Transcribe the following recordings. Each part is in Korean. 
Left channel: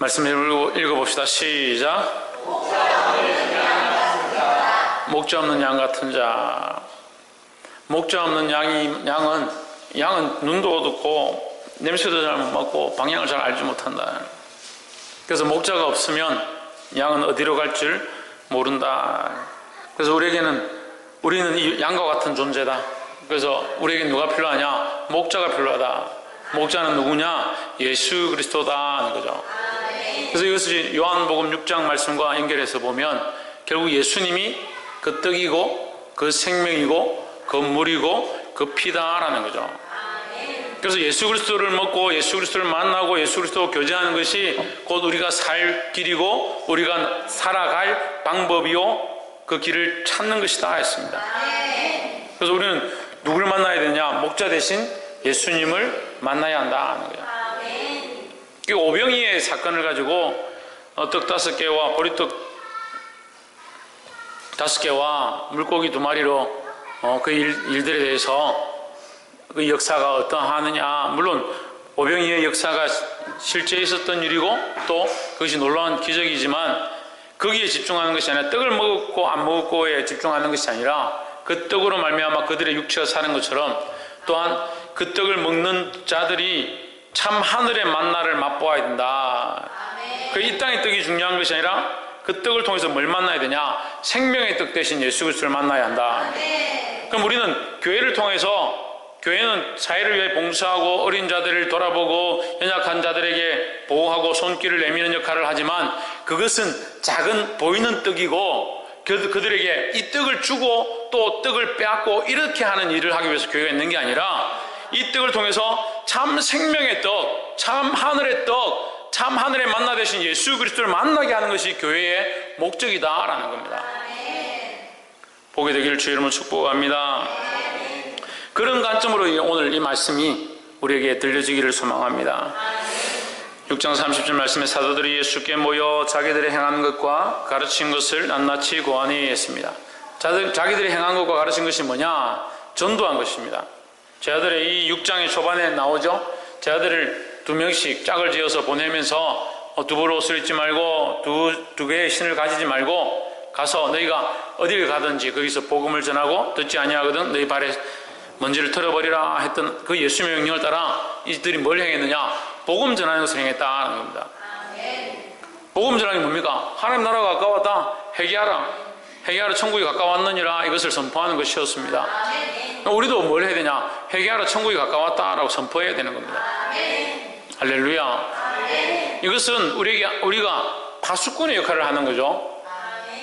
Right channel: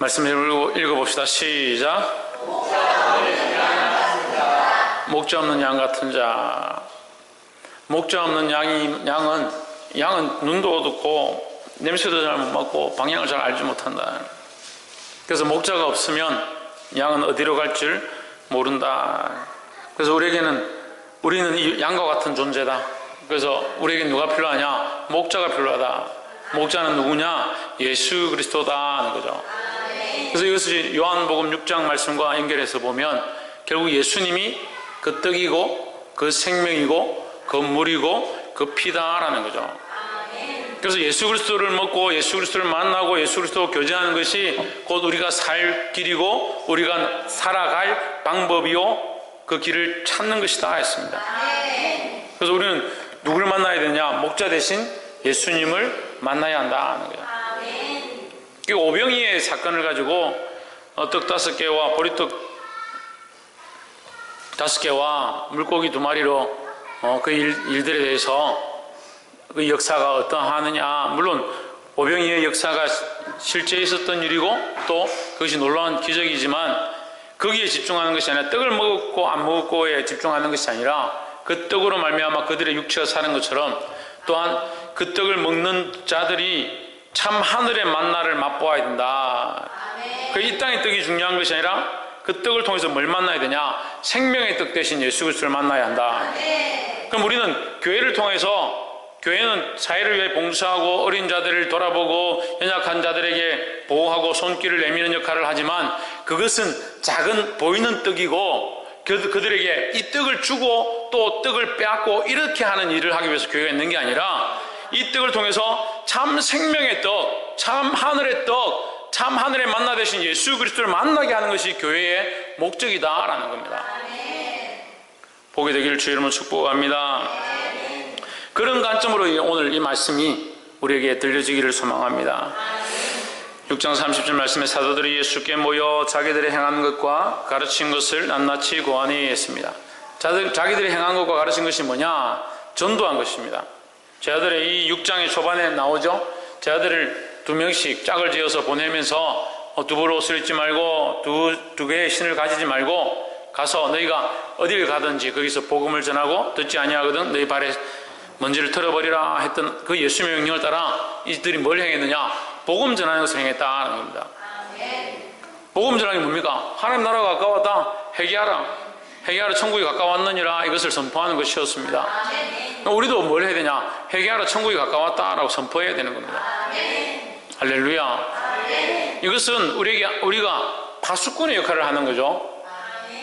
말씀을 읽어봅시다. 시작. 목자 없는 양 같은 자. 목자 없는 양은 눈도 어둡고 냄새도 잘 못 맡고 방향을 잘 알지 못한다. 그래서 목자가 없으면 양은 어디로 갈 줄 모른다. 그래서 우리는 이 양과 같은 존재다. 그래서 우리에게 누가 필요하냐? 목자가 필요하다. 목자는 누구냐? 예수 그리스도다 하는 거죠. 그래서 이것을 요한복음 6장 말씀과 연결해서 보면 결국 예수님이 그 떡이고 그 생명이고 그 물이고 그 피다라는 거죠. 그래서 예수 그리스도를 먹고 예수 그리스도를 만나고 예수 그리스도와 교제하는 것이 곧 우리가 살 길이고 우리가 살아갈 방법이요 그 길을 찾는 것이다 했습니다. 그래서 우리는 누구를 만나야 되냐? 목자 대신 예수님을 만나야 한다 하는 거예요. 이 오병이의 사건을 가지고 떡 5개와 보리떡 5개와 물고기 2마리로 그 일들에 대해서 그 역사가 어떠하느냐. 물론 오병이의 역사가 실제 있었던 일이고 또 그것이 놀라운 기적이지만 거기에 집중하는 것이 아니라 떡을 먹었고 안 먹었고에 집중하는 것이 아니라 그 떡으로 말미암아 그들의 육체가 사는 것처럼 또한 그 떡을 먹는 자들이 참 하늘의 만나를 맛보아야 된다. 이 땅의 떡이 중요한 것이 아니라 그 떡을 통해서 뭘 만나야 되냐? 생명의 떡 대신 예수 그리스도를 만나야 한다. 그럼 우리는 교회를 통해서 교회는 사회를 위해 봉사하고 어린 자들을 돌아보고 연약한 자들에게 보호하고 손길을 내미는 역할을 하지만 그것은 작은 보이는 떡이고 그들에게 이 떡을 주고 또 떡을 빼앗고 이렇게 하는 일을 하기 위해서 교회가 있는 게 아니라 이 떡을 통해서 참 생명의 떡, 참 하늘의 떡, 참 하늘의 만나 되신 예수 그리스도를 만나게 하는 것이 교회의 목적이다라는 겁니다. 보게 되기를 주의 이름으로 축복합니다. 그런 관점으로 오늘 이 말씀이 우리에게 들려지기를 소망합니다. 6장 30절 말씀에 사도들이 예수께 모여 자기들이 행한 것과 가르친 것을 낱낱이 고하니 했습니다. 자기들이 행한 것과 가르친 것이 뭐냐? 전도한 것입니다. 제 아들의 이 6장의 초반에 나오죠. 제 아들을 2명씩 짝을 지어서 보내면서 두부로 옷을 입지 말고 두 개의 신을 가지지 말고 가서 너희가 어디를 가든지 거기서 복음을 전하고 듣지 아니하거든 너희 발에 먼지를 털어버리라 했던 그 예수의 명령을 따라 이들이 뭘 행했느냐? 복음 전하는 것을 행했다는 겁니다. 복음 전하는 게 뭡니까? 하나님 나라가 가까웠다. 회개하라 천국이 가까웠느니라 이것을 선포하는 것이었습니다. 우리도 뭘 해야 되냐? 회개하라 천국이 가까웠다라고 선포해야 되는 겁니다. 할렐루야. 이것은 우리가 파수꾼의 역할을 하는 거죠.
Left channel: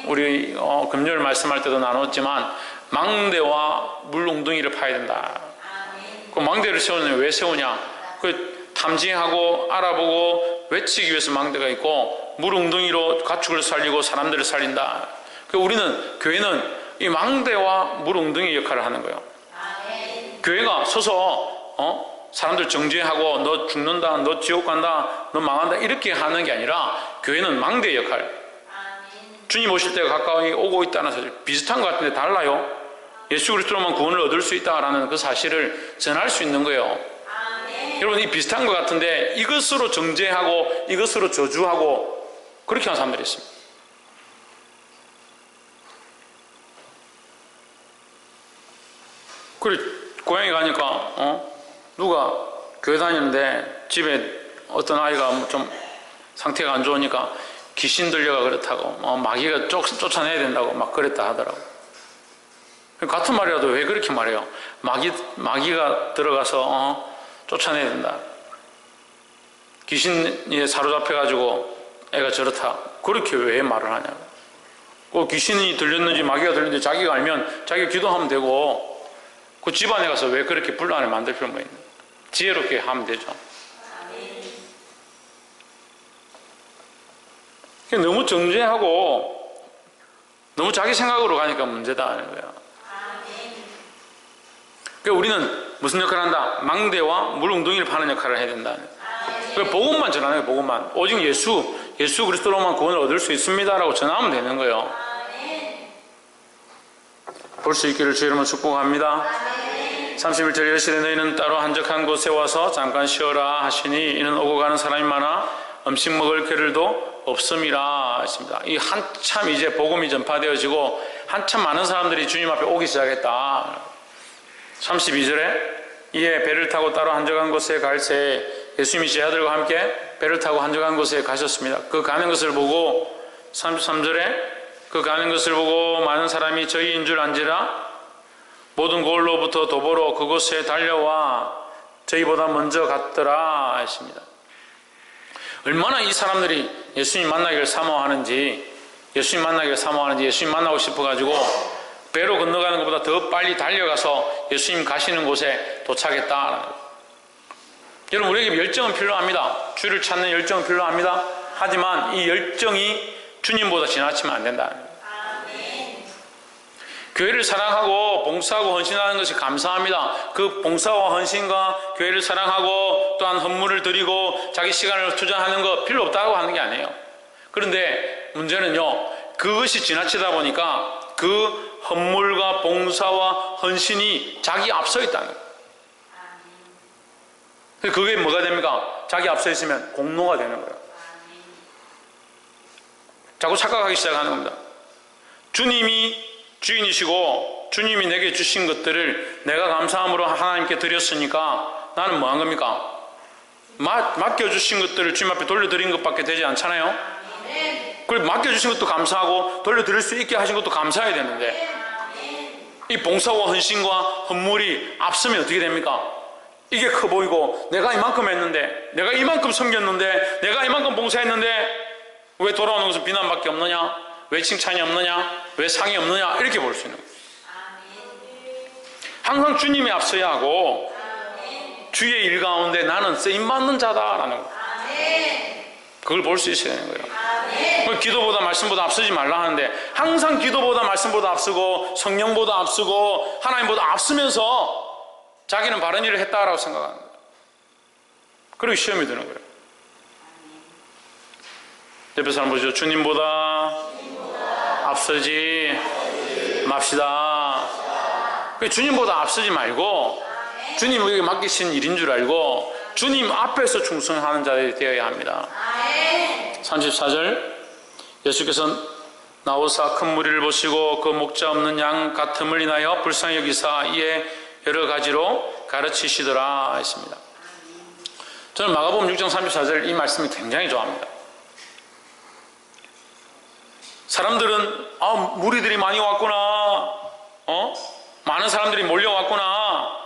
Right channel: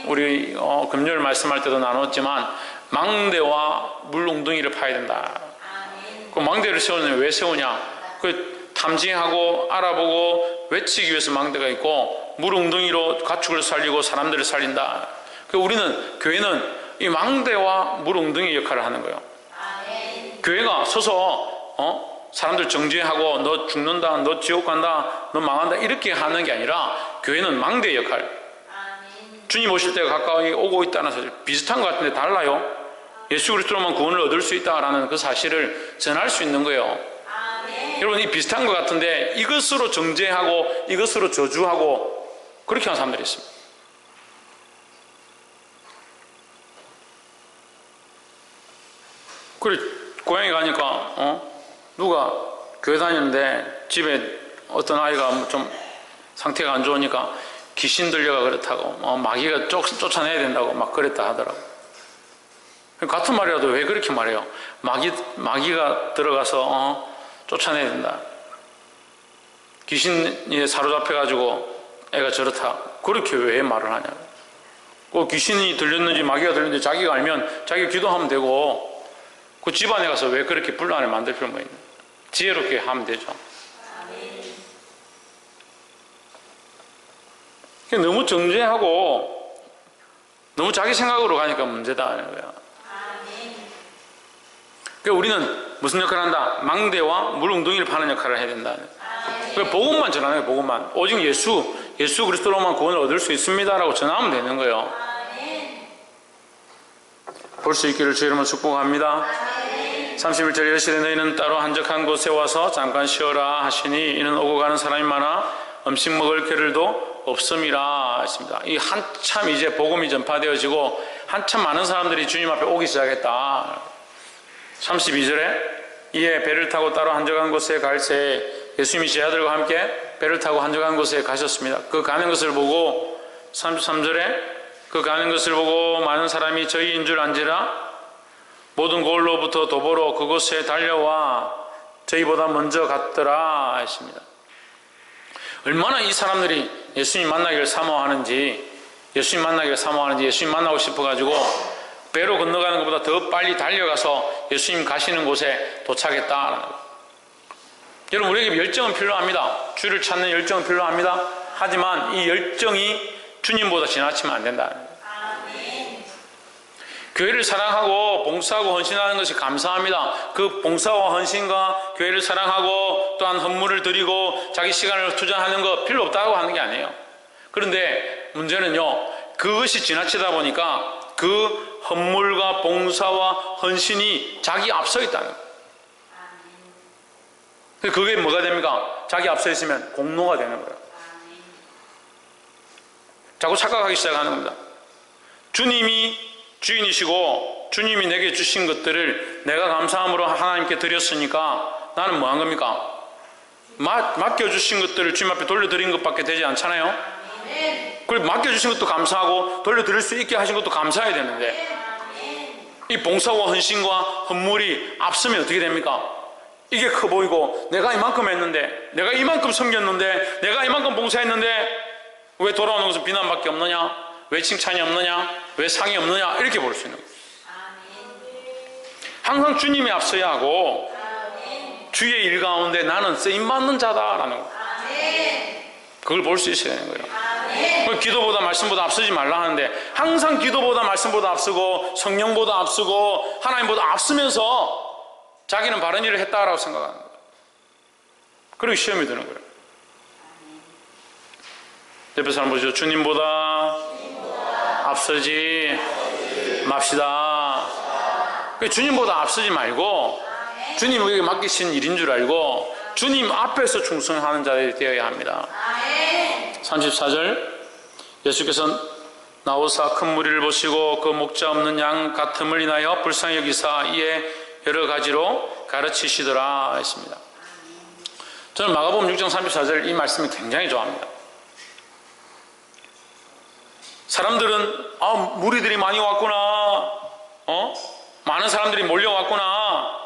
우리 금요일 말씀할 때도 나눴지만 망대와 물 웅덩이를 파야 된다. 그 망대를 세우느냐? 왜 세우냐? 그 탐지하고 알아보고 외치기 위해서 망대가 있고 물 웅덩이로 가축을 살리고 사람들을 살린다. 우리는 교회는 이 망대와 물 웅덩이 역할을 하는 거예요. 교회가 서서 사람들 정죄하고 너 죽는다, 너 지옥 간다, 너 망한다 이렇게 하는 게 아니라 교회는 망대 역할. 주님 오실 때가 가까이 오고 있다는 사실 비슷한 것 같은데 달라요. 예수 그리스도로만 구원을 얻을 수 있다라는 그 사실을 전할 수 있는 거예요. 여러분 이 비슷한 것 같은데 이것으로 정죄하고 이것으로 저주하고 그렇게 하는 사람들이 있습니다. 그래 고향에 가니까 누가 교회 다니는데 집에 어떤 아이가 좀 상태가 안 좋으니까 귀신 들려가 그렇다고 마귀가 쫓아내야 된다고 막 그랬다 하더라고. 같은 말이라도 왜 그렇게 말해요? 마귀가 들어가서 쫓아내야 된다. 귀신에 사로잡혀가지고 애가 저렇다. 그렇게 왜 말을 하냐고. 귀신이 들렸는지 마귀가 들렸는지 자기가 알면 자기가 기도하면 되고 그 집안에 가서 왜 그렇게 분란을 만들 필요가 있나? 지혜롭게 하면 되죠. 너무 정죄하고 너무 자기 생각으로 가니까 문제다는 거예요. 그러니까 우리는 무슨 역할을 한다? 망대와 물 웅덩이를 파는 역할을 해야 된다. 그러니까 복음만 전하는 거예요. 복음만. 오직 예수 그리스도로만 구원을 얻을 수 있습니다라고 전하면 되는 거예요. 볼 수 있기를 주의 이름으로 축복합니다. 31절 이르시되 너희는 따로 한적한 곳에 와서 잠깐 쉬어라 하시니 이는 오고 가는 사람이 많아 음식 먹을 겨를도 없음이라 했습니다. 이 한참 이제 복음이 전파되어지고 한참 많은 사람들이 주님 앞에 오기 시작했다. 32절에 이에 배를 타고 따로 한적한 곳에 갈새 예수님이 제자들과 함께 배를 타고 한적한 곳에 가셨습니다. 그 가는 것을 보고 33절에 그 가는 것을 보고 많은 사람이 저희인 줄 안지라 모든 고을로부터 도보로 그곳에 달려와 저희보다 먼저 갔더라 했습니다. 얼마나 이 사람들이 예수님 만나기를 사모하는지 예수님 만나고 싶어가지고 배로 건너가는 것보다 더 빨리 달려가서 예수님 가시는 곳에 도착했다. 여러분, 우리에게 열정은 필요합니다. 주를 찾는 열정은 필요합니다. 하지만 이 열정이 주님보다 지나치면 안 된다. 아멘. 교회를 사랑하고 봉사하고 헌신하는 것이 감사합니다. 그 봉사와 헌신과 교회를 사랑하고 또한 헌물을 드리고 자기 시간을 투자하는 거 필요 없다고 하는 게 아니에요. 그런데 문제는요, 그것이 지나치다 보니까 그 헌물과 봉사와 헌신이 자기 앞서 있다는 거예요. 그게 뭐가 됩니까? 자기 앞서 있으면 공로가 되는 거예요. 자꾸 착각하기 시작하는 겁니다. 주님이 주인이시고 주님이 내게 주신 것들을 내가 감사함으로 하나님께 드렸으니까 나는 뭐 한 겁니까? 맡겨주신 것들을 주님 앞에 돌려드린 것밖에 되지 않잖아요. 그리고 맡겨주신 것도 감사하고 돌려드릴 수 있게 하신 것도 감사해야 되는데 이 봉사와 헌신과 헌물이 앞서면 어떻게 됩니까? 이게 커 보이고 내가 이만큼 했는데 내가 이만큼 섬겼는데 내가 이만큼 봉사했는데 왜 돌아오는 것은 비난밖에 없느냐? 왜 칭찬이 없느냐? 왜 상이 없느냐? 이렇게 볼 수 있는 거예요. 항상 주님이 앞서야 하고 주의 일 가운데 나는 쓰임받는 자다라는 거예요. 그걸 볼 수 있어야 되는 거예요. 기도보다 말씀보다 앞서지 말라 하는데 항상 기도보다 말씀보다 앞서고 성령보다 앞서고 하나님보다 앞서면서 자기는 바른 일을 했다라고 생각하는 거예요. 그리고 시험이 드는 거예요. 옆에 사람 보시죠. 주님보다 앞서지 맙시다. 주님보다 앞서지 말고 주님 우리에게 맡기신 일인 줄 알고 주님 앞에서 충성하는 자들이 되어야 합니다. 34절 예수께서 나오사 큰 무리를 보시고 그 목자 없는 양 같음을 인하여 불쌍히 여기사 이에 여러 가지로 가르치시더라 했습니다. 저는 마가복음 6장 34절 이 말씀이 굉장히 좋아합니다. 사람들은 무리들이 많이 왔구나, 많은 사람들이 몰려왔구나,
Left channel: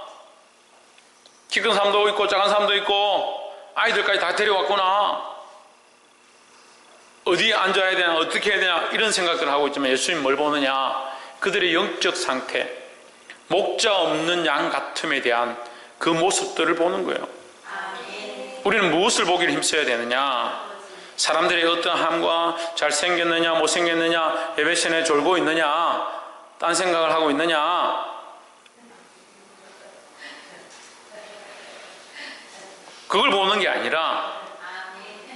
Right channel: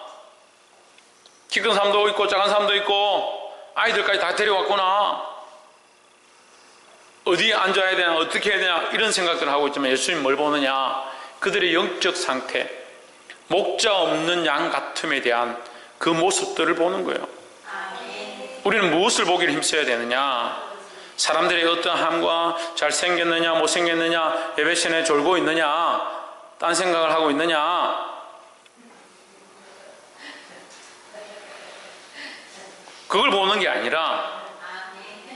키 큰 사람도 있고 작은 사람도 있고 아이들까지 다 데려왔구나, 어디에 앉아야 되나 어떻게 해야 되나 이런 생각들을 하고 있지만 예수님 뭘 보느냐? 그들의 영적 상태, 목자 없는 양 같음에 대한 그 모습들을 보는 거예요. 우리는 무엇을 보기를 힘써야 되느냐? 사람들의 어떠함과 잘생겼느냐 못생겼느냐 예배신에 졸고 있느냐 딴 생각을 하고 있느냐 그걸 보는 게 아니라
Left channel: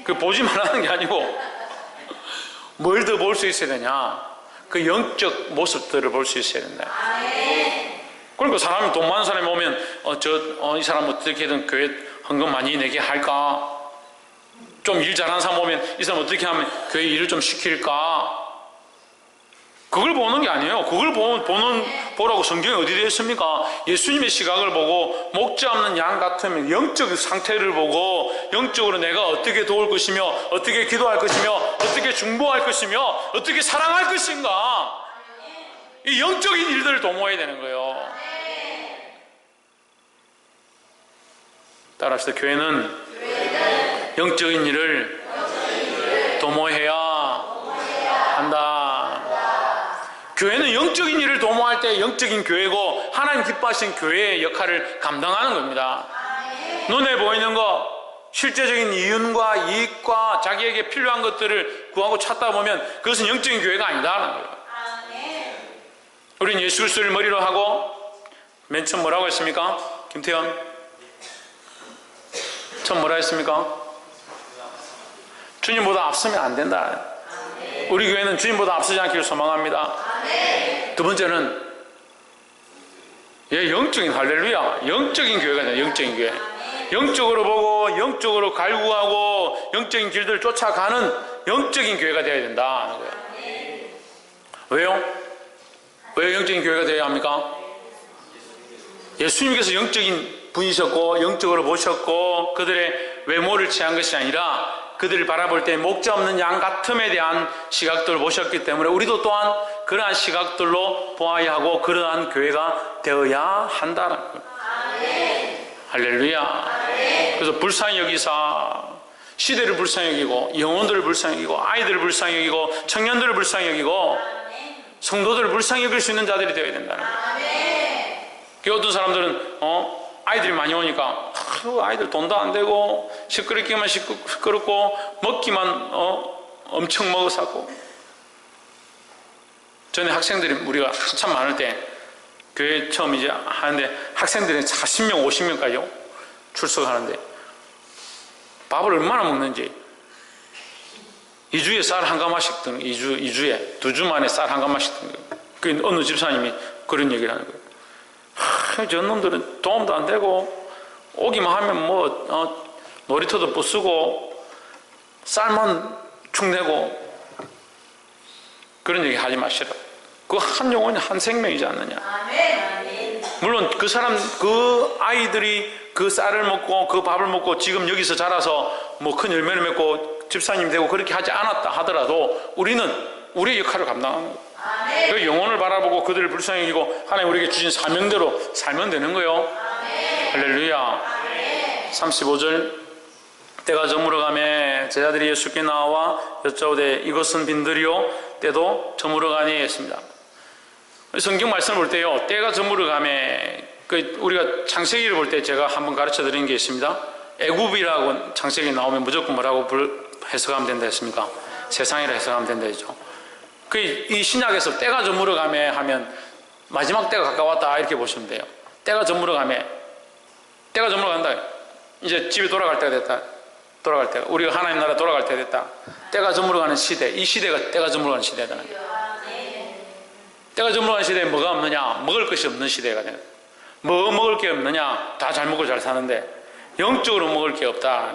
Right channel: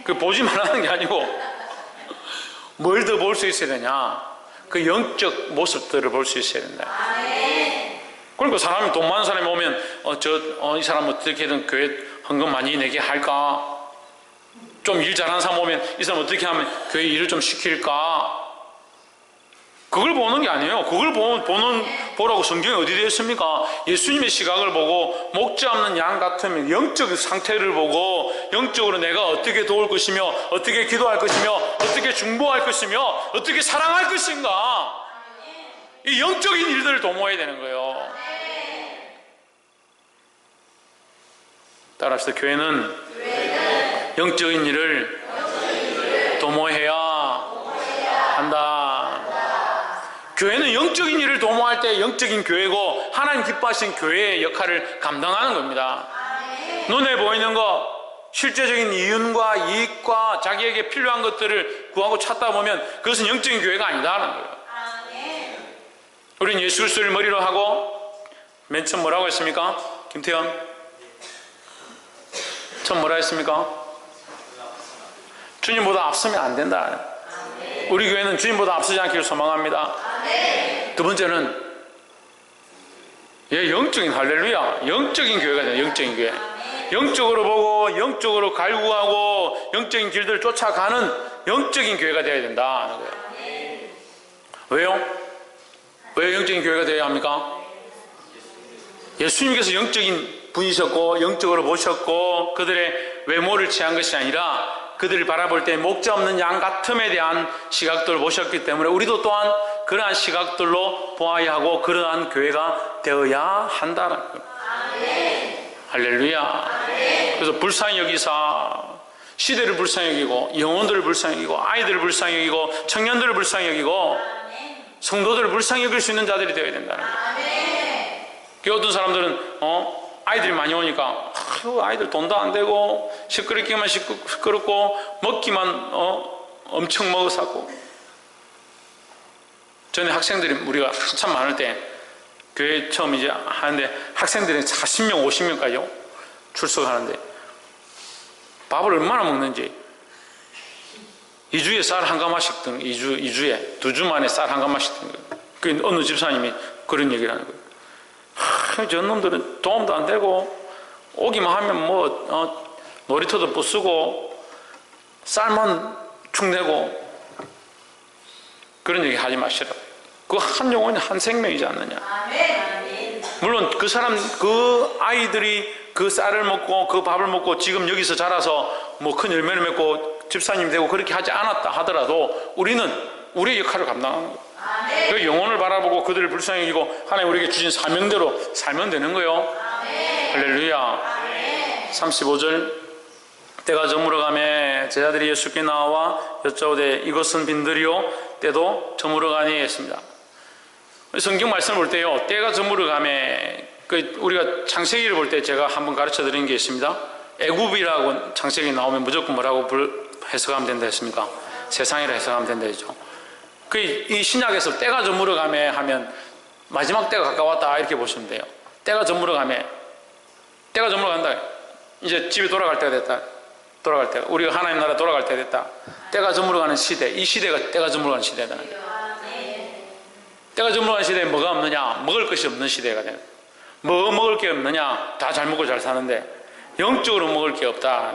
그 보지 말라는 게 아니고 뭘 더 볼 수 있어야 되냐? 그 영적 모습들을 볼 수 있어야 된다. 그러니까 사람이 돈 많은 사람이 오면 이 사람 어떻게든 교회 헌금 많이 내게 할까? 좀 일 잘하는 사람 오면 이 사람 어떻게 하면 교회 일을 좀 시킬까? 그걸 보는 게 아니에요. 그걸 보라고 성경에 어디 되어 있습니까? 예수님의 시각을 보고 목자 없는 양 같으면 영적 상태를 보고 영적으로 내가 어떻게 도울 것이며 어떻게 기도할 것이며 어떻게 중보할 것이며 어떻게 사랑할 것인가 이 영적인 일들을 도모해야 되는 거예요. 따라합시다. 교회는 영적인 일을 도모해야 한다. 교회는 영적인 일을 도모할 때 영적인 교회고 하나님 기뻐하신 교회의 역할을 감당하는 겁니다. 눈에 보이는 것, 실제적인 이윤과 이익과 자기에게 필요한 것들을 구하고 찾다 보면 그것은 영적인 교회가 아니다라는 거예요. 우리는 예수 그리스도를 머리로 하고 맨 처음 뭐라고 했습니까? 김태현 처음 뭐라 했습니까? 주님보다 앞서면 안 된다. 우리 교회는 주님보다 앞서지 않기를 소망합니다. 두 번째는 영적인 할렐루야 영적인 교회가 아니라 영적인 교회 영적으로 보고 영적으로 갈구하고 영적인 길들을 쫓아가는 영적인 교회가 되어야 된다. 왜요? 왜 영적인 교회가 되어야 합니까? 예수님께서 영적인 분이셨고 영적으로 보셨고 그들의 외모를 취한 것이 아니라 그들을 바라볼 때 목자 없는 양 같음에 대한 시각들을 보셨기 때문에 우리도 또한 그러한 시각들로 보아야 하고 그러한 교회가 되어야 한다는 거예요. 할렐루야. 그래서 불쌍히 여기사 시대를 불쌍히 여기고 영혼들을 불쌍히 여기고 아이들을 불쌍히 여기고 청년들을 불쌍히 여기고 성도들을 불쌍히 여길 수 있는 자들이 되어야 된다는 거예요. 어떤 사람들은 아이들이 많이 오니까 아이들 돈도 안 되고 시끄럽기만 시끄럽고 먹기만 엄청 먹어사고. 전에 학생들이 우리가 한참 많을 때 교회 처음 이제 하는데 학생들이 40명 50명까지 출석하는데 밥을 얼마나 먹는지 2주에 쌀 한 가마씩 드는 2주에 2주 만에 쌀 한 가마씩 드는 거예요. 그 어느 집사님이 그런 얘기를 하는 거예요. 저 놈들은 도움도 안 되고 오기만 하면 뭐 놀이터도 부수고 쌀만 축내고 그런 얘기 하지 마시라고. 그 한 영혼이 한 생명이지 않느냐. 물론 그 아이들이 그 쌀을 먹고 그 밥을 먹고 지금 여기서 자라서 뭐 큰 열매를 맺고 집사님 되고 그렇게 하지 않았다 하더라도 우리는 우리의 역할을 감당하는 거예요. 그 영혼을 바라보고 그들을 불쌍히 여기고 하나님 우리에게 주신 사명대로 살면 되는 거예요. 할렐루야. 35절 때가 저물어가매 제자들이 예수께 나와 여짜오되 이것은 빈들이요 때도 저물어가니 했습니다. 성경 말씀을 볼 때요 때가 저물어가매 우리가 창세기를 볼 때 제가 한번 가르쳐 드린 게 있습니다. 애굽이라고 창세기 나오면 무조건 뭐라고 해석하면 된다 했습니까? 세상이라 해석하면 된다 했죠. 이 신약에서 때가 저물어가매 하면 마지막 때가 가까웠다 이렇게 보시면 돼요. 때가 저물어가매 때가 저물어간다. 이제 집에 돌아갈 때가 됐다. 돌아갈 때가 우리가 하나님 나라 돌아갈 때가 됐다. 때가 저물어가는 시대. 이 시대가 때가 저물어가는 시대다. 때가 저물어가는 시대에 뭐가 없느냐? 먹을 것이 없는 시대가 되는. 뭐 먹을 게 없느냐? 다 잘 먹고 잘 사는데 영적으로 먹을 게 없다.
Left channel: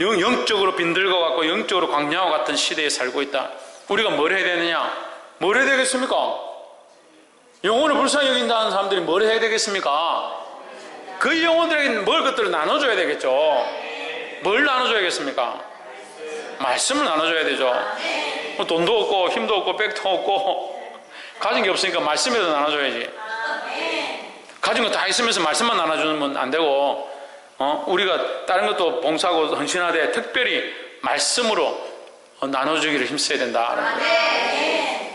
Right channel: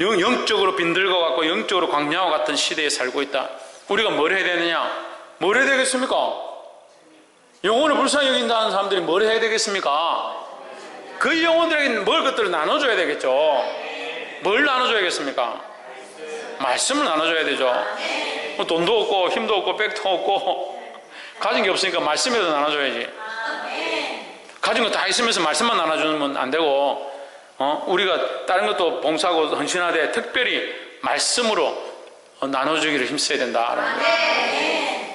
영적으로 빈들과 같고 영적으로 광야와 같은 시대에 살고 있다. 우리가 뭘 해야 되느냐? 뭘 해야 되겠습니까? 영혼을 불쌍히 여긴다는 사람들이 뭘 해야 되겠습니까? 그 영혼들에게 먹을 것들을 나눠줘야 되겠죠. 뭘 나눠줘야겠습니까? 말씀을 나눠줘야 되죠. 돈도 없고 힘도 없고 백도 없고 가진 게 없으니까 말씀이라도 나눠줘야지. 가진 거 다 있으면서 말씀만 나눠주면 안 되고 우리가 다른 것도 봉사하고 헌신하되 특별히 말씀으로 나눠주기를 힘써야 된다라는 거예요.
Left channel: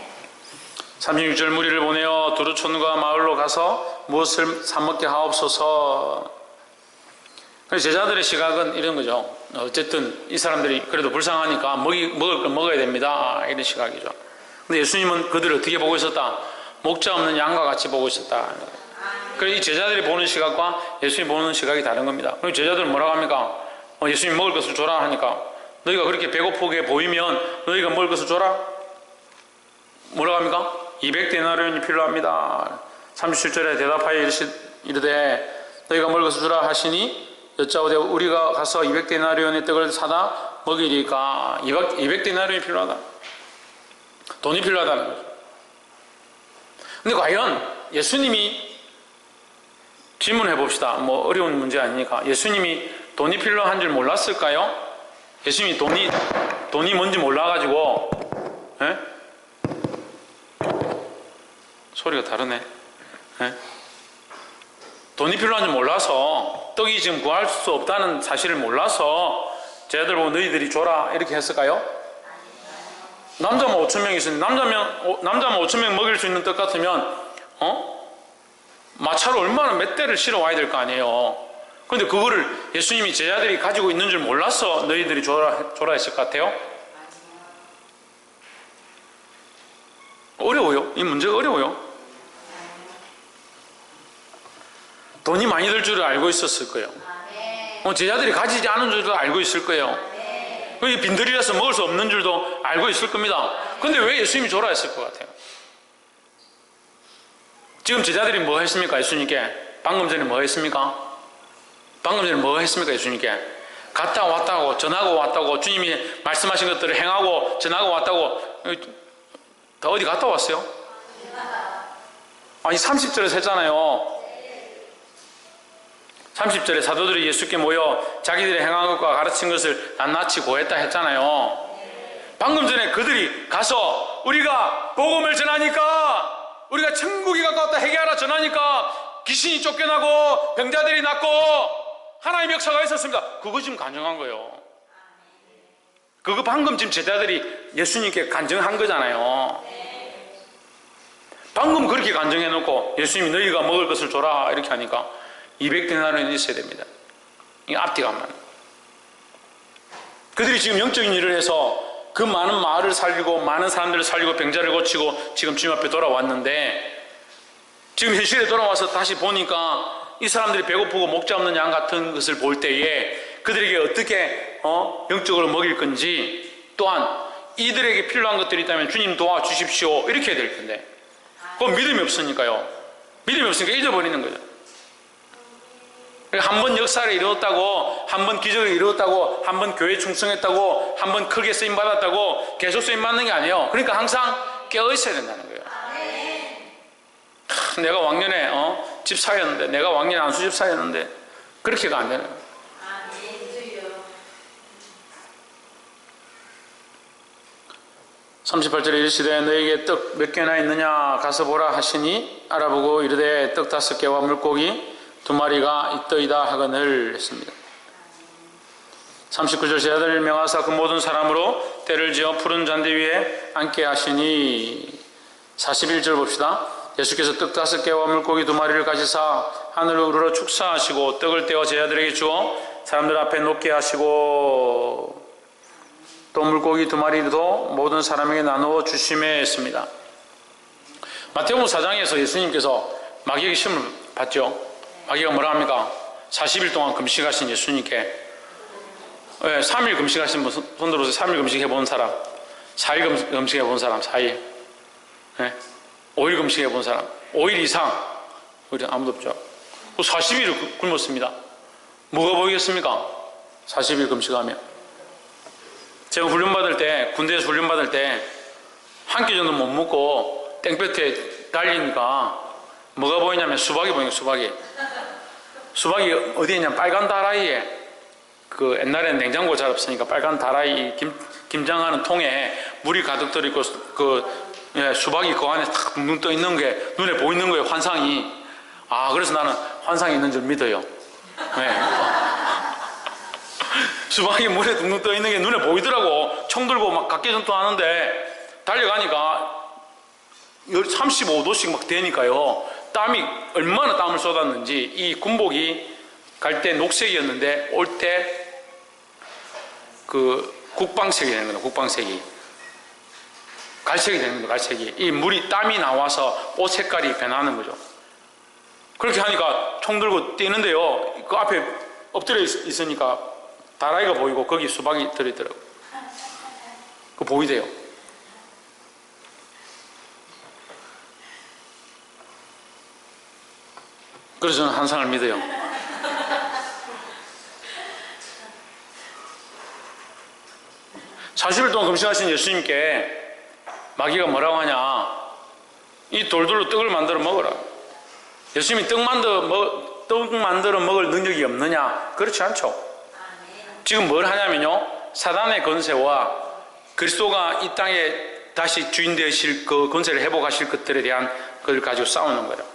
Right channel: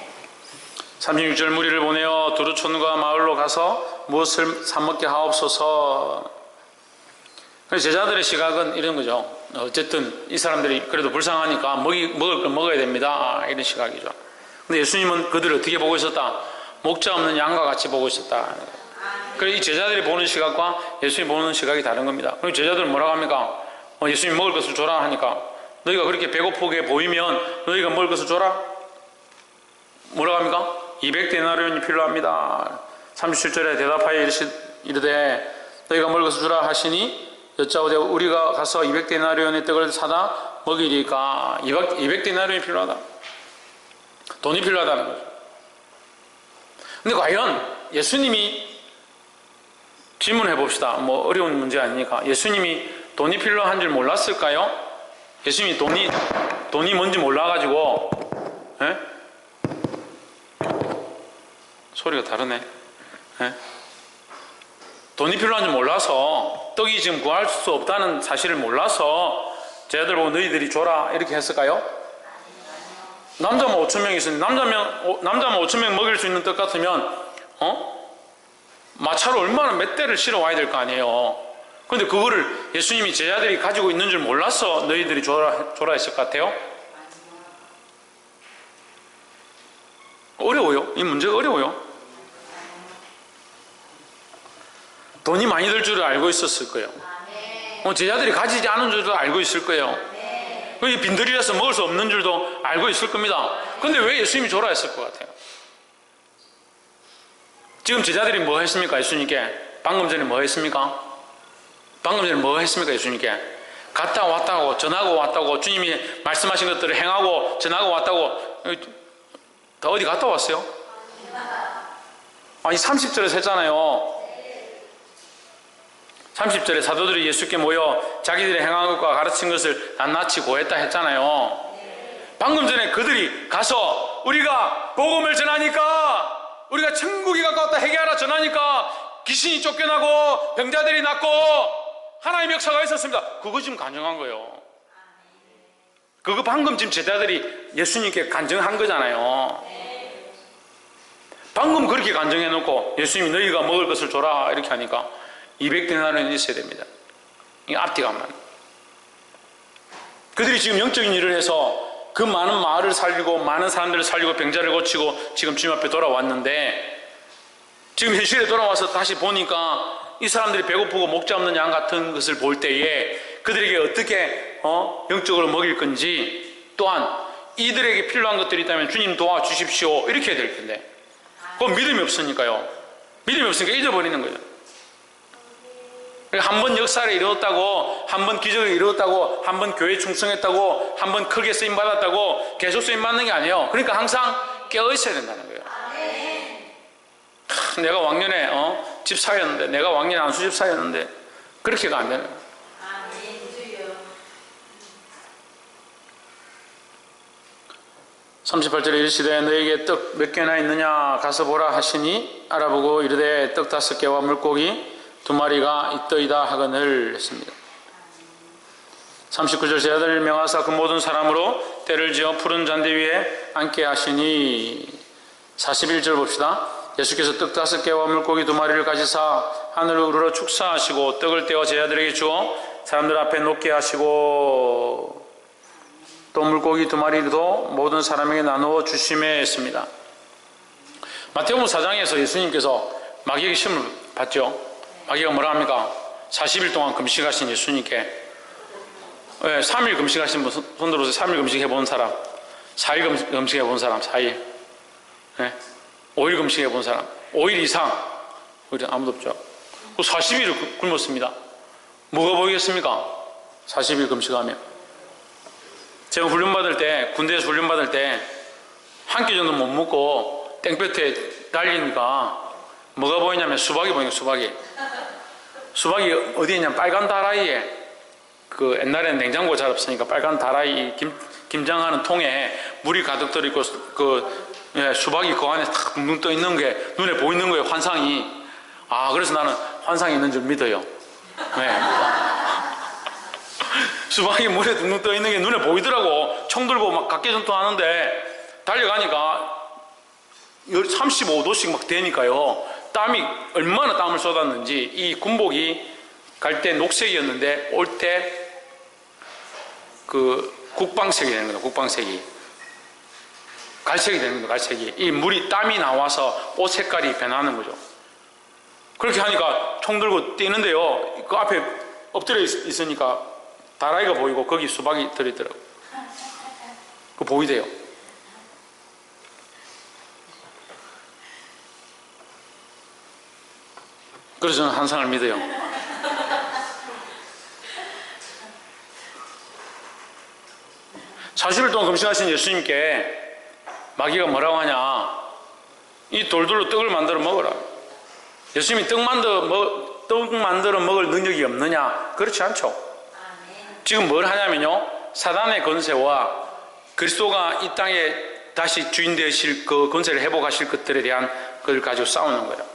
36절 무리를 보내어 두루촌과 마을로 가서 무엇을 사먹게 하옵소서. 제자들의 시각은 이런 거죠. 어쨌든 이 사람들이 그래도 불쌍하니까 먹을 걸 먹어야 됩니다. 이런 시각이죠. 근데 예수님은 그들을 어떻게 보고 있었다? 목자 없는 양과 같이 보고 있었다. 그래서 이 제자들이 보는 시각과 예수님이 보는 시각이 다른 겁니다. 그리고 제자들은 뭐라고 합니까? 예수님 먹을 것을 줘라 하니까 너희가 그렇게 배고프게 보이면 너희가 먹을 것을 줘라? 뭐라고 합니까? 200데나리온이 필요합니다. 37절에 대답하여 이르되 너희가 먹을 것을 주라 하시니 여짜오되 우리가 가서 200데나리온의 떡을 사다 먹이리까. 200데나리온이 필요하다. 돈이 필요하다는 거죠. 근데 과연 예수님이 질문해 봅시다. 뭐 어려운 문제 아니니까. 예수님이 돈이 필요한 줄 몰랐을까요? 예수님이 돈이 뭔지 몰라가지고, 에? 소리가 다르네. 에? 돈이 필요한 줄 몰라서, 떡이 지금 구할 수 없다는 사실을 몰라서 제자들 보고 너희들이 줘라 이렇게 했을까요? 남자만 5,000명이 있었는데 남자만 5,000명 먹일 수 있는 떡 같으면 마차로 얼마나 몇 대를 실어 와야 될 거 아니에요. 그런데 그거를 예수님이 제자들이 가지고 있는 줄 몰라서 너희들이 줘라 했을 것 같아요? 어려워요. 이 문제가 어려워요. 돈이 많이 들 줄을 알고 있었을 거예요. 제자들이 가지지 않은 줄도 알고 있을 거예요. 빈들이라서 먹을 수 없는 줄도 알고 있을 겁니다. 그런데 왜 예수님이 줘라 했을 것 같아요? 지금 제자들이 뭐 했습니까? 예수님께 방금 전에 뭐 했습니까? 방금 전에 뭐 했습니까? 예수님께 갔다 왔다고 전하고 왔다고 주님이 말씀하신 것들을 행하고 전하고 왔다고 다 어디 갔다 왔어요? 아니 30절에서 했잖아요. 30절에 사도들이 예수께 모여 자기들이 행한 것과 가르친 것을 낱낱이 고했다 했잖아요. 방금 전에 그들이 가서 우리가 복음을 전하니까, 우리가 천국이 가까웠다 회개하라 전하니까 귀신이 쫓겨나고 병자들이 낫고 하나님의 역사가 있었습니다. 그거 지금 간증한 거예요. 그거 방금 지금 제자들이 예수님께 간증한 거잖아요. 방금 그렇게 간증해 놓고 예수님이 너희가 먹을 것을 줘라 이렇게 하니까 200데나리온이 있어야 됩니다. 이게 앞뒤가 안 맞는. 그들이 지금 영적인 일을 해서 그 많은 마을을 살리고 많은 사람들을 살리고 병자를 고치고 지금 주님 앞에 돌아왔는데, 지금 현실에 돌아와서 다시 보니까 이 사람들이 배고프고 목자 없는 양 같은 것을 볼 때에 그들에게 어떻게 영적으로 먹일 건지, 또한 이들에게 필요한 것들이 있다면 주님 도와주십시오 이렇게 해야 될 텐데 그건 믿음이 없으니까요. 믿음이 없으니까 잊어버리는 거죠. 한 번 역사를 이루었다고, 한 번 기적을 이루었다고, 한 번 교회 충성했다고, 한 번 크게 쓰임받았다고 계속 쓰임받는 게 아니에요. 그러니까 항상 깨어있어야 된다는 거예요. 내가 왕년에 집사였는데, 내가 왕년에 안수집사였는데 그렇게가 안 되는 거예요. 38절에 이르시되 너에게 떡 몇 개나 있느냐 가서 보라 하시니 알아보고 이르되 떡 5개와 물고기 2마리가 있더이다 하거늘 했습니다. 39절 제자들을 명하사 그 모든 사람으로 때를 지어 푸른 잔디 위에 앉게 하시니 41절 봅시다. 예수께서 떡 5개와 물고기 2마리를 가지사 하늘을 우러러 축사하시고 떡을 떼어 제자들에게 주어 사람들 앞에 놓게 하시고 또 물고기 2마리도 모든 사람에게 나누어 주시매 했습니다. 마태복음 4장에서 예수님께서 마귀에게 시험을 받죠. 마귀가 뭐라 합니까? 40일 동안 금식하신 예수님께 3일 금식하신 분 손 들어서 3일 금식해 본 사람, 4일 금식해 본 사람, 4일 5일 금식해 본 사람, 5일 이상 아무도 없죠. 40일을 굶었습니다. 뭐가 보이겠습니까? 40일 금식하면. 제가 훈련받을 때, 군대에서 훈련받을 때 한 끼 정도 못 먹고 땡볕에 달리니까 뭐가 보이냐면 수박이 보이는 거예요. 수박이 어디에 있냐면 빨간 다라이에, 그 옛날에는 냉장고 잘 없으니까 빨간 다라이 김장하는 통에 물이 가득 들어있고 수박이 그 안에 탁 둥둥 떠 있는 게 눈에 보이는 거예요. 환상이. 그래서 나는 환상이 있는 줄 믿어요. 수박이 물에 둥둥 떠 있는 게 눈에 보이더라고. 총 들고 막 각개전투 하는데 달려가니까 35도씩 막 되니까요. 땀이 얼마나 땀을 쏟았는지, 이 군복이 갈 때 녹색이었는데 올 때 그 국방색이 되는 거예요. 국방색이 갈색이 되는 거예요. 갈색이. 이 물이 땀이 나와서 옷 색깔이 변하는 거죠. 그렇게 하니까 총 들고 뛰는데요, 그 앞에 엎드려 있으니까 다라이가 보이고 거기 수박이 들어있더라고요. 그거 보이대요. 그래서 저는 환상을 믿어요. 사십일 동안 금식하신 예수님께 마귀가 뭐라고 하냐? 이 돌들로 떡을 만들어 먹어라. 예수님이 떡 만들어 먹을 능력이 없느냐? 그렇지 않죠. 지금 뭘 하냐면요, 사단의 권세와 그리스도가 이 땅에 다시 주인 되실 그 권세를 회복하실 것들에 대한 그걸 가지고 싸우는 거예요.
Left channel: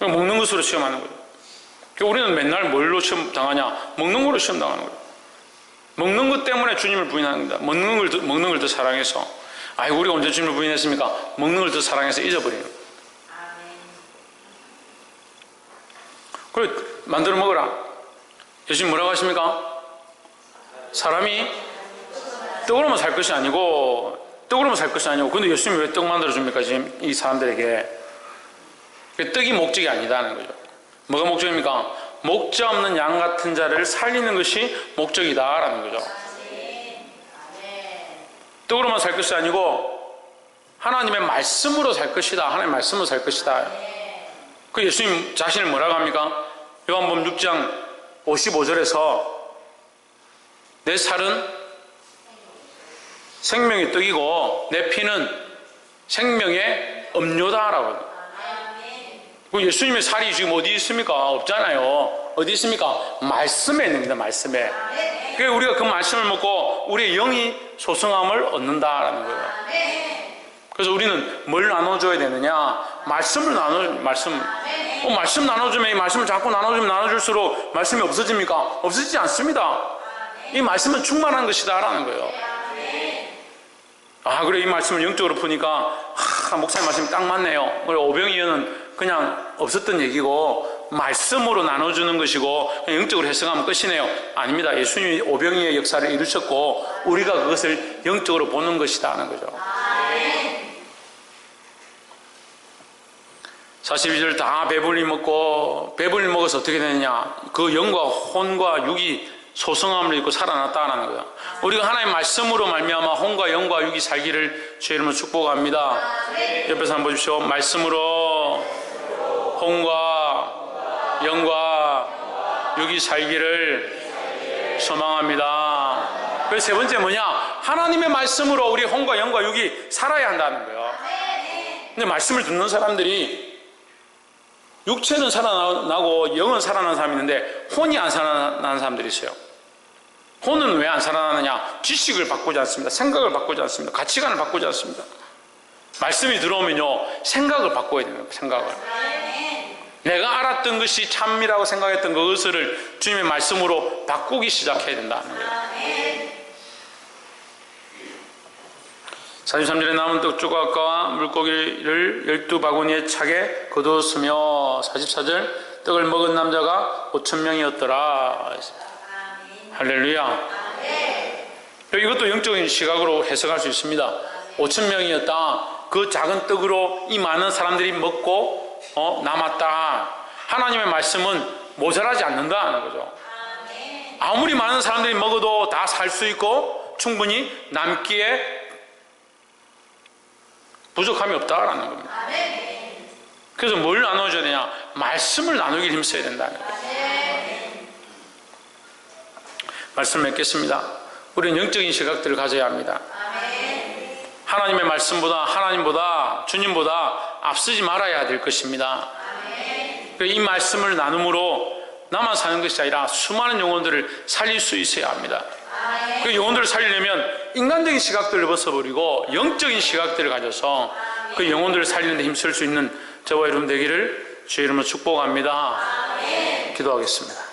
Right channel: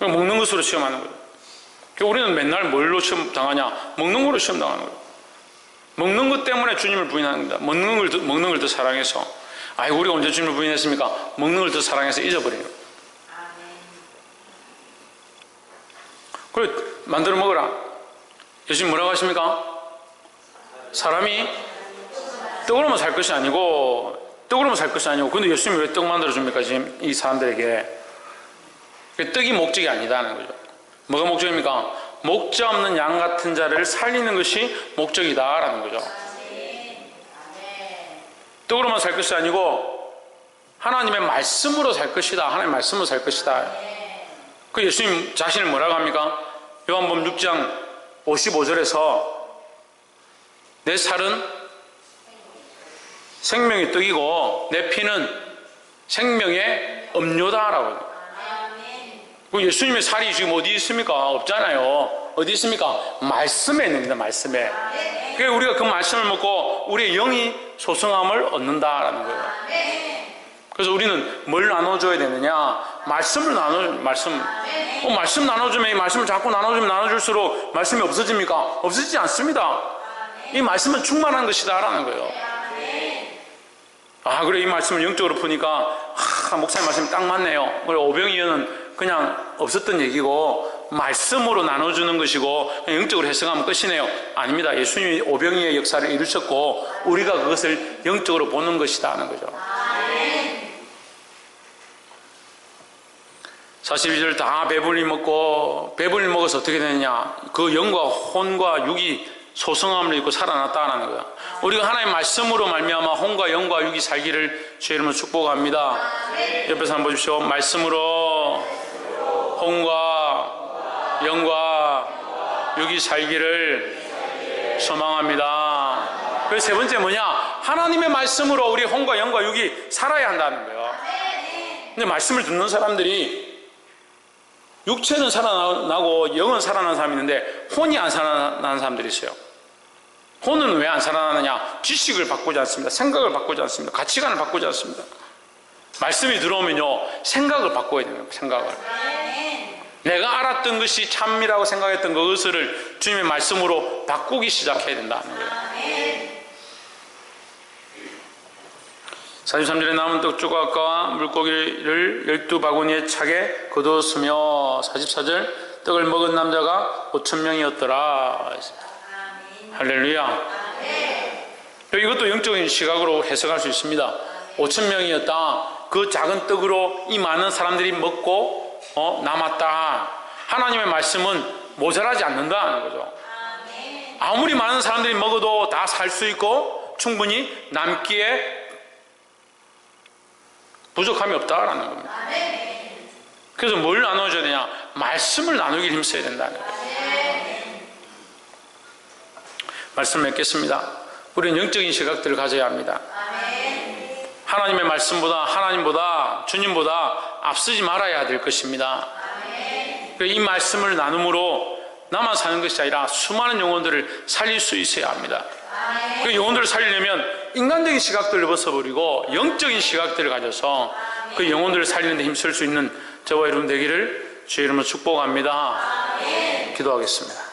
먹는 것으로 시험하는 거예요. 우리는 맨날 뭘로 시험 당하냐? 먹는 거로 시험 당하는 거예요. 먹는 것 때문에 주님을 부인하는 겁니다. 먹는 걸 더 사랑해서. 우리가 언제 주님을 부인했습니까? 먹는 걸 더 사랑해서 잊어버리는 거예요. 그래, 만들어 먹어라. 예수님 뭐라고 하십니까? 사람이 떡으로만 살 것이 아니고, 근데 예수님이 왜 떡 만들어 줍니까? 지금 이 사람들에게. 떡이 목적이 아니다는 거죠. 뭐가 목적입니까? 목자 없는 양 같은 자를 살리는 것이 목적이다라는 거죠. 떡으로만 살 것이 아니고 하나님의 말씀으로 살 것이다. 하나님의 말씀으로 살 것이다. 그 예수님 자신을 뭐라고 합니까? 요한복음 6장 55절에서 내 살은 생명의 떡이고 내 피는 생명의 음료다라고. 예수님의 살이 지금 어디 있습니까? 없잖아요. 어디 있습니까? 말씀에 있습니다. 말씀에. 그래서 우리가 그 말씀을 먹고 우리의 영이 소성함을 얻는다라는 거예요. 그래서 우리는 뭘 나눠줘야 되느냐? 말씀을 말씀 나눠주면, 이 말씀을 자꾸 나눠주면 나눠줄수록 말씀이 없어집니까? 없어지지 않습니다. 이 말씀은 충만한 것이다라는 거예요. 그래, 이 말씀을 영적으로 푸니까 목사님 말씀이 딱 맞네요. 그래, 오병이어는 그냥 없었던 얘기고 말씀으로 나눠주는 것이고 영적으로 해석하면 끝이네요. 아닙니다. 예수님이 오병이의 역사를 이루셨고 우리가 그것을 영적으로 보는 것이다 하는 거죠. 42절 다 배불리 먹어서 어떻게 되느냐? 그 영과 혼과 육이 소성함을 입고 살아났다는 거예요. 우리가 하나님의 말씀으로 말미암아 혼과 영과 육이 살기를 주의 이름으로 축복합니다. 옆에서 한번 보십시오. 말씀으로 혼과 영과 육이 살기를 소망합니다. 그래서 세 번째 뭐냐? 하나님의 말씀으로 우리 혼과 영과 육이 살아야 한다는 거예요. 근데 말씀을 듣는 사람들이 육체는 살아나고 영은 살아나는 사람이 있는데 혼이 안 살아나는 사람들이 있어요. 혼은 왜 안 살아나느냐? 지식을 바꾸지 않습니다. 생각을 바꾸지 않습니다. 가치관을 바꾸지 않습니다. 말씀이 들어오면요, 생각을 바꿔야 됩니다. 생각을. 내가 알았던 것이 참이라고 생각했던 그것을 주님의 말씀으로 바꾸기 시작해야 된다는 거예요. 43절에 남은 떡 조각과 물고기를 12바구니에 차게 거두었으며 44절 떡을 먹은 남자가 5,000명이었더라. 할렐루야. 이것도 영적인 시각으로 해석할 수 있습니다. 5,000명이었다. 그 작은 떡으로 이 많은 사람들이 먹고 남았다. 하나님의 말씀은 모자라지 않는다는 거죠. 아무리 많은 사람들이 먹어도 다 살 수 있고 충분히 남기에 부족함이 없다라는 겁니다. 그래서 뭘 나눠줘야 되냐? 말씀을 나누길 힘써야 된다는 거예요. 말씀 맺겠습니다. 우리는 영적인 시각들을 가져야 합니다. 하나님의 말씀보다, 하나님보다, 주님보다 앞서지 말아야 될 것입니다. 이 말씀을 나눔으로 나만 사는 것이 아니라 수많은 영혼들을 살릴 수 있어야 합니다. 그 영혼들을 살리려면 인간적인 시각들을 벗어버리고 영적인 시각들을 가져서 그 영혼들을 살리는 데 힘쓸 수 있는 저와 여러분 되기를 주의 이름으로 축복합니다. 기도하겠습니다.